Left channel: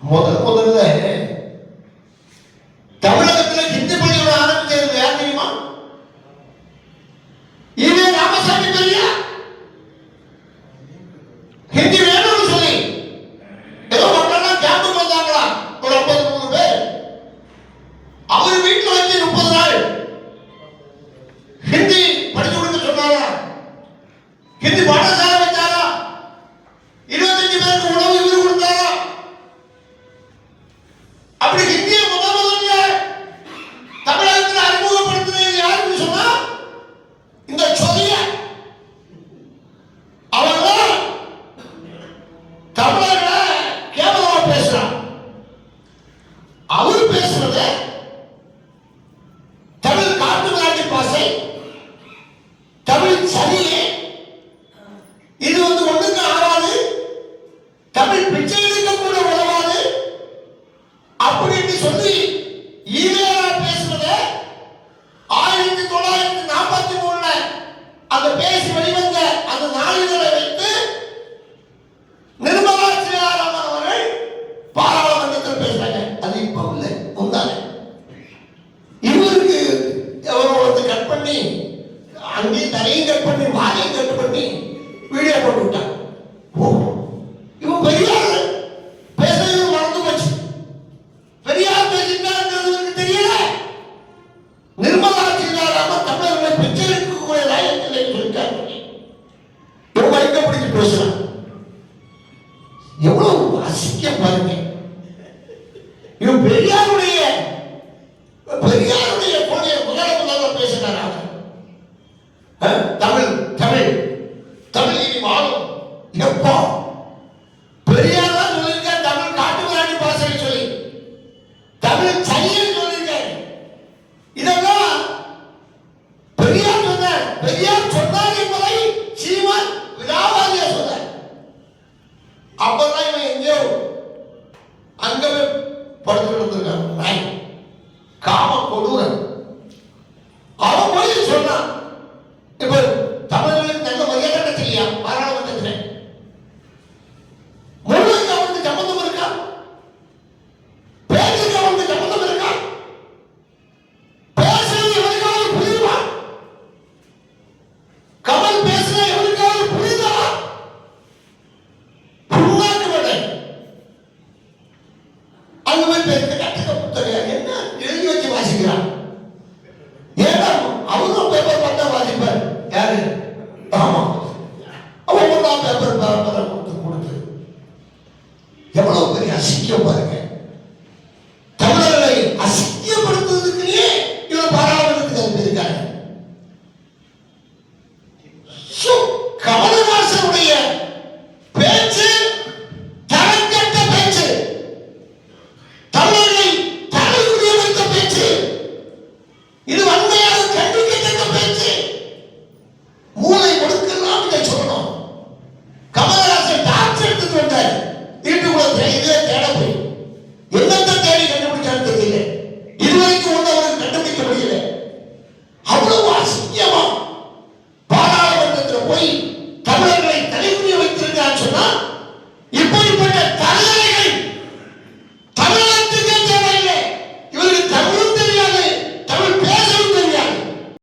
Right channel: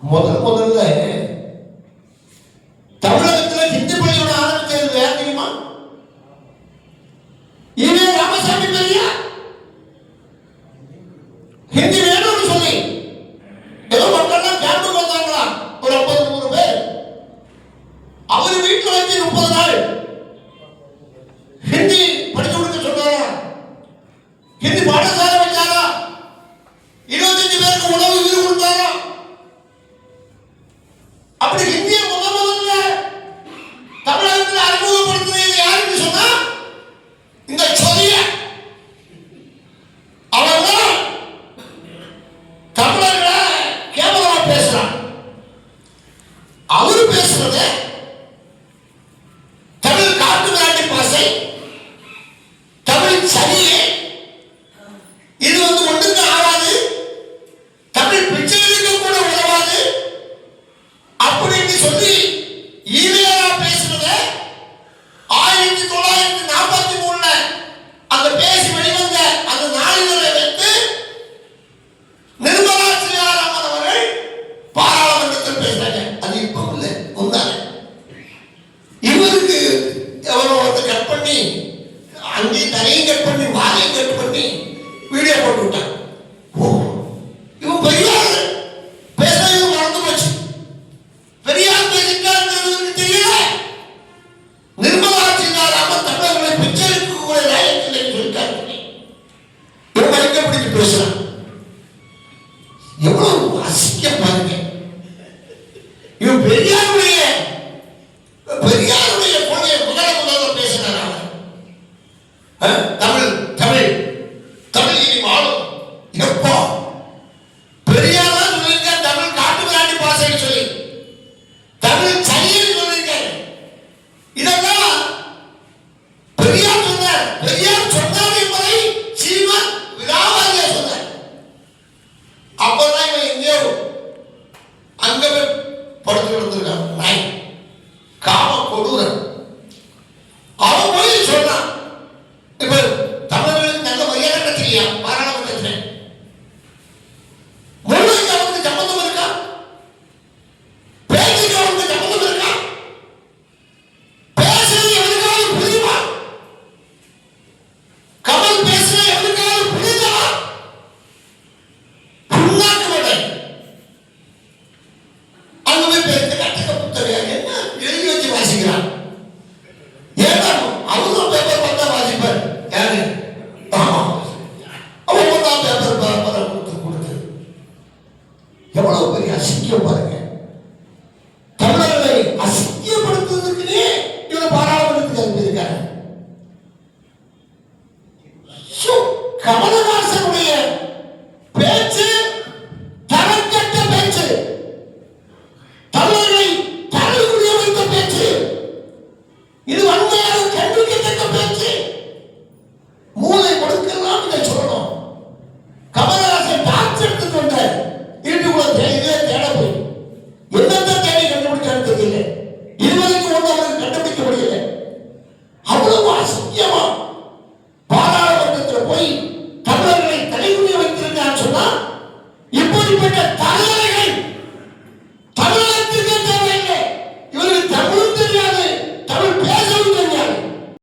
முதல்ல தமிழகத்தில் ஹிந்தி பள்ளியோட ஆரம்பிச்சது யார் தெரியுமா? இவன் ராமசாமி பெரியா ஹிந்தி வேணும்னு சொல்லி ஏதோ மக்கள்லாம் கேம்புக்கு வந்தாங்களா ஒரு 53 பேர். அவர் வீட்டில் வச்சு 30 நாள் ஹிந்தி படிச்சு கொடுக்க சொன்னாரா? ஹிந்தி பாடசாலை வச்சாரா? 25 பேருக்கு உணவு இது கொடுத்தாரா? அப்படி ஹிந்தியை முதல்ல தமிழகத்தில் அறிமுகப்படுத்தினது யாருன்னு சொன்னா இந்த சொரிய அவங்க தமிழர்களை கேவலமா பேசுறான். அவரு பேசுறது தமிழ் காட்டு நாட்டு பாசை, தமிழ் சனியே, இது ஒன்றுக்கு ஆகாது, தமிழ் பிச்சை எடுக்க கூட உதவாது அப்படின்னு சொல்லி ஈவேரா பேசுறது 1943 அந்த பேசி வெளிவந்த அந்த நாளிதழை வைத்து நிர்மலா சீதாராமன் அவர்கள் பாராளுமன்றத்தில் பேசினாங்க. அது இப்ப இல்லை, முந்தானே. இவருக்கு எவரோ கட் பண்ணி அங்கேயும் தலையும் கட் பண்ணி வாயையும் கட் பண்ணி வீடியோ போட்டு விட்டாங்க. இவன் பெரியார் பேசுறது மறந்து போச்சு. பெரியார் பேசிட்டாருங்கிறது தெரியல. நிர்மலா சீதாராமன் தமிழர்களை பிச்சைக்கு கூட லாயக்கில்லை சொல்லிட்டாரு. இவன் மயக்க பிடிச்சு பேசுறான். எவ்வளவு அசிங்கம் பாருங்க. இவன் பெரியாருடைய கொள்கையை முதல்ல பேசினார். தமிழ் தமிழ் தமிழ் இனி வாழும். எப்போ பெரியார் தான் சொல்லியிருக்க தமிழ் காட்டு நாட்டு பாசை சொல்லி, தமிழ் சனியை சொல்லியிருக்க. இதெல்லாம் பெரியார் சொன்னார். பெரியார் சொன்னார் என்பதை சீமான் விடாவாரியா சொன்னார். அப்பதான் இவன் எங்கேயோ அங்க படுத்து கிடந்திருக்கான். காம கொடூரன். அவன் போய் சொன்னான். இப்ப தமிழர்களுக்கு நல்ல மரியாதை கிடைச்சிருக்கியா பாராளுமன்றத்தில்? மொழிக்கு அவனுக்கு சம்பந்தம் இருக்கா? பேச்சுக்கு அவனுக்கு சம்பந்தம் இருக்கா? பேசுறது எவனுக்காவது புரியுமா? கமல் பேசுற எவனுக்காவது புரியுதா? புண்ணாக்கு விட அங்க போய் பேசுற கட்டிக்க புத்தகம் என்ன எழுதி வச்சு வாசிக்கிறான். ஏன்னா அவரும் பேப்பர் பார்த்தா வாசிப்பார். யாரு? ஆமா, அவங்க தான் பேப்பர் கொடுத்து எவ்வளவு பெரிய அசிங்கம் பாருங்க.